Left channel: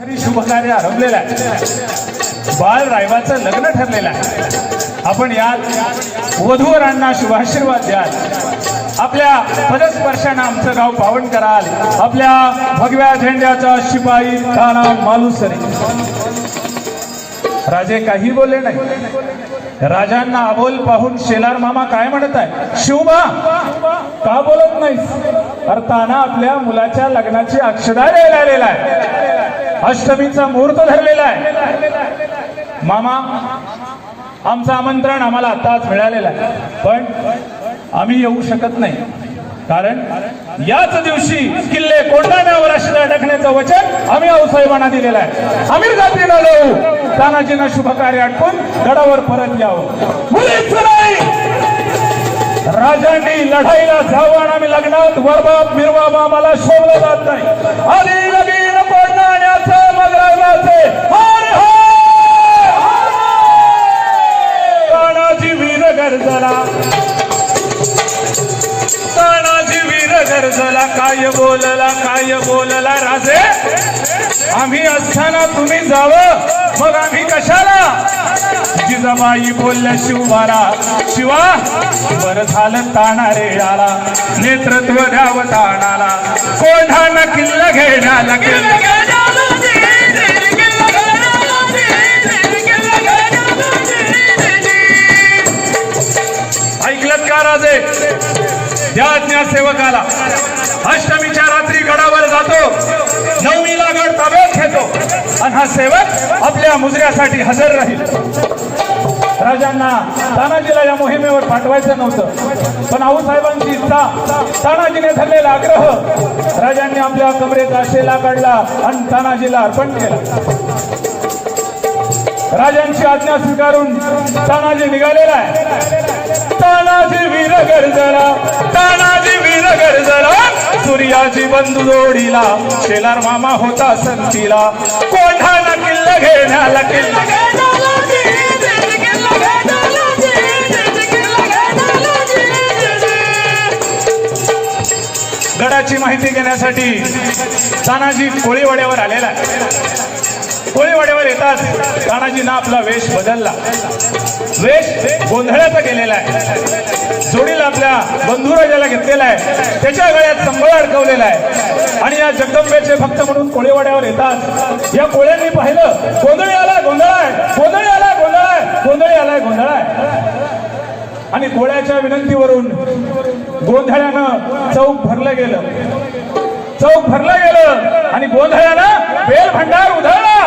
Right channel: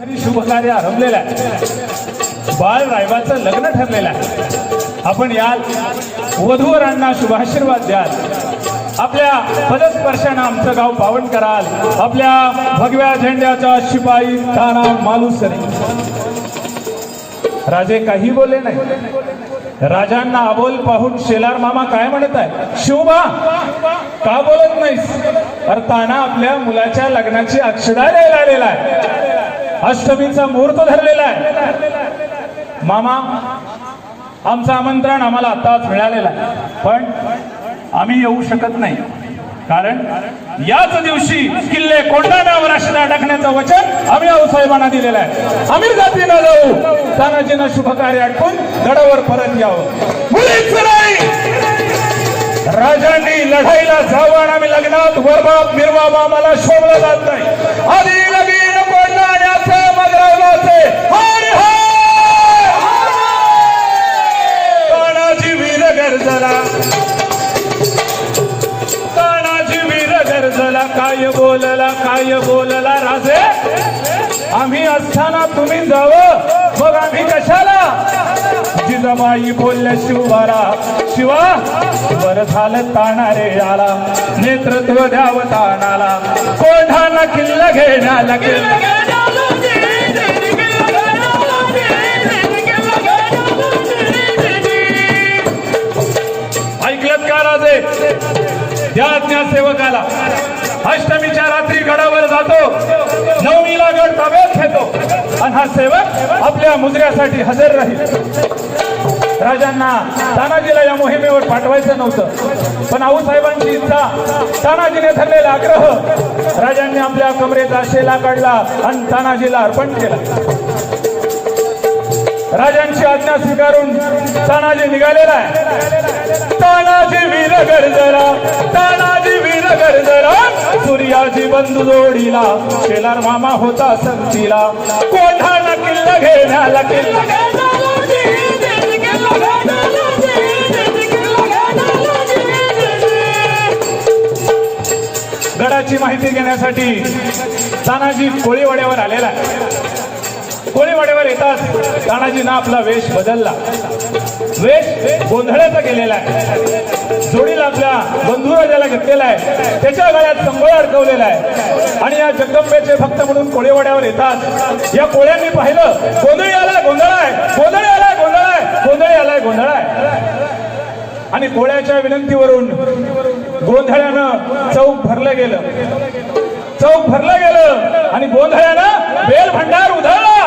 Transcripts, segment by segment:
शुभ कार्य आरंभलेलं आहे। बाळ रायबाचं लग्न ठरलेलं आहे। आपण याल वधूवरांना शुभाशीर्वाद द्याल, आपल्या पदस्पर्शाने आमचं गाव पावन कराल, आपल्या भगव्या झेंड्याचा शिपाई ताना मालुसरे। राजे काही बोलले नाही। राजांना अबोल पाहून शेलार मामा काय म्हणत आहे, शिवबा का बोलत नाहीस? अर्थाना आपल्या मुलाच्या लग्नाची अक्षदा द्यायला आलेला आहे, अष्टमीचा मुहूर्त धरलेला आहे। मामा, आमचं आमंत्रण आम्हाला आताच मिळालेलं आहे, पण आम्ही येऊ शकत नाही, कारण याच दिवशी किल्ले कोंढाण्यावर अक्षदा टाकण्याचं वचन आम्ही आऊसाहेबांना दिलेलं आहे। आम्ही जातीला जाऊ, तानाजीनं शुभ कार्य आटपून गडावर परत यावं। मुलीच नाही, राजांनी लढाईला जावं आणि आम्ही लग्नात वरबाप बिरबाप आम्हाला शोभलं जात नाही। आधी लगीन कोंढाण्याचं मगरावलाचे तानाजी वीर गरजला, तानाजी वीर गरजला, काय बोलला राजे? आम्ही असताना तुम्ही जावं, मग आम्ही कशाला? जिजाबाई बोलल्या शिवबाला, शिवा बर झालं ताना रे आला, नेतृत्व द्यावं तानाला, कोंढाणा किल्ला घेण्याला ऐकलत का राजे? त्या आज्ञा सेवकाला अष्टमीच्या रात्री गडावर जातो, नवमीला गड ताब्यात घेतो आणि हा सेवक आपल्या मुजऱ्यासाठी हजर राहील। राजांना तानाजीला या मोहिमेवर पाठवायचं नव्हतं, पण आऊसाहेबांची इच्छा, तानाजीने धरलेला आग्रह राजांनी आपल्या कमरेचा शेला काढला आणि तानाजीला अर्पण केला। राजांची आज्ञा स्वीकारून तानाजी निघालेला आहे। तानाजी वीर गरजला, तानाजी वीर गरजला, सूर्याची बंधू जोडीला, शेलार मामा होता संतीला, कोंढाणा किल्ला घेण्याला गडाची माहिती घेण्यासाठी तानाजी कोळीवाड्यावर आलेला आहे। कोळीवाड्यावर येतात तानाजीनं आपला वेश बदलला, वेश गोंधळाचा केलेला आहे, जोडीला आपल्या बंधुराजाला घेतलेला आहे, त्याच्या गळ्यात संबळ अडकवलेला आहे आणि या जगदंबेचे भक्त म्हणून कोळीवाड्यावर येतात। या कोळ्यांनी पाहिलं, गोंधळी आलाय, गोंधळ आहे, गोंधळी आलाय, गोंधळ आहे, गोंधळी आलाय, गोंधळ आहे, आणि कोळ्याच्या विनंतीवरून गोंधळ्यानं चौक भरलं गेलं आणि गोंधळानं बेल भंडार उधळला।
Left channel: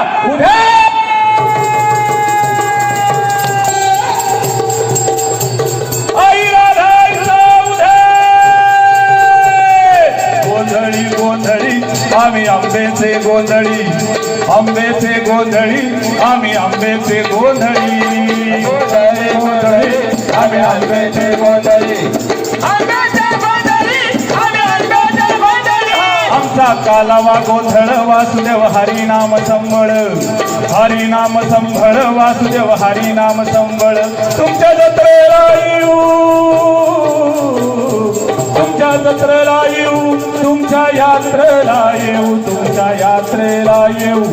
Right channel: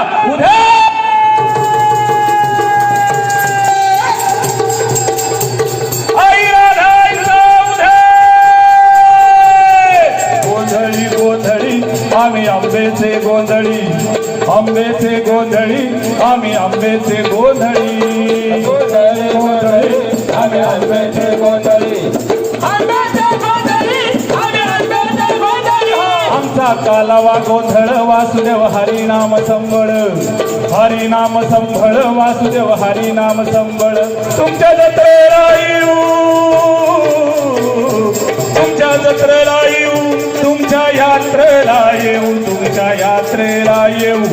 आई राधाईचा गोंधळी गोंधळी आम्ही आंबेचे गोंधळी, आंबेचे गोंधळी आम्ही आंबेचे गोंधळी, गोंधळी आम्ही आंबेचे गोंधळी, आमचा कालावा गोंधळ वासुदेव हरिनाम संबळ, हरिनाम संबळ वासुदेव हरिनाम संबळ। तुमच्या जत्रेला येऊ, तुमच्या जत्रेला येऊ, तुमच्या यात्रेला येऊ, तुमच्या यात्रेला येऊ,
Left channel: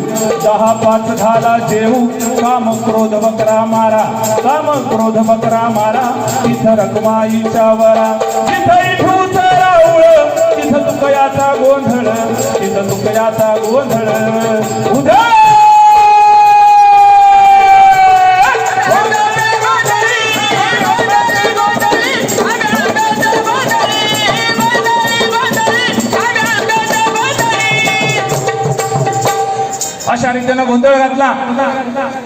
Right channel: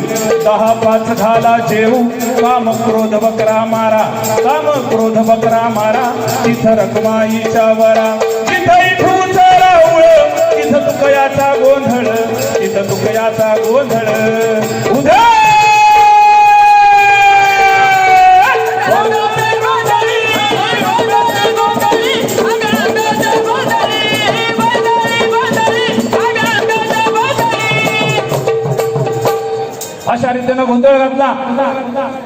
10-5 झाला जेऊ, काम क्रोध बकरा मारा, काम क्रोध बकरा मारा, तिथं रखमाईच्या वरा, जिथं इथूच राऊळ, तिथं तुकयाचा गोंधळ, तिथं तुकयाचा गोंधळ, उद्या अशा रीतीनं गोंधळ घातला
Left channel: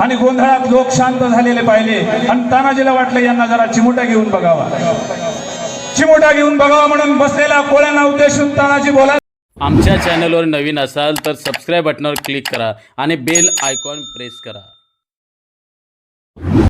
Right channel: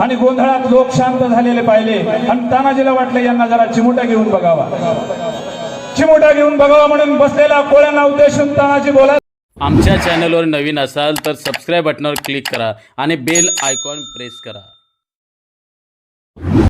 आणि गोंधळात लोक शांत झालेले पाहिले आणि तानाजीला वाटलं यांना जरा चिमुटा घेऊन बघावा, चिमुटा घेऊन बघावा म्हणून बसलेल्या कोळ्यांना उद्देशून तानाजी बोला। आमच्या चॅनलवर नवीन असाल तर सबस्क्राईब बटनावर क्लिक करा आणि बेल आयकॉन प्रेस करा।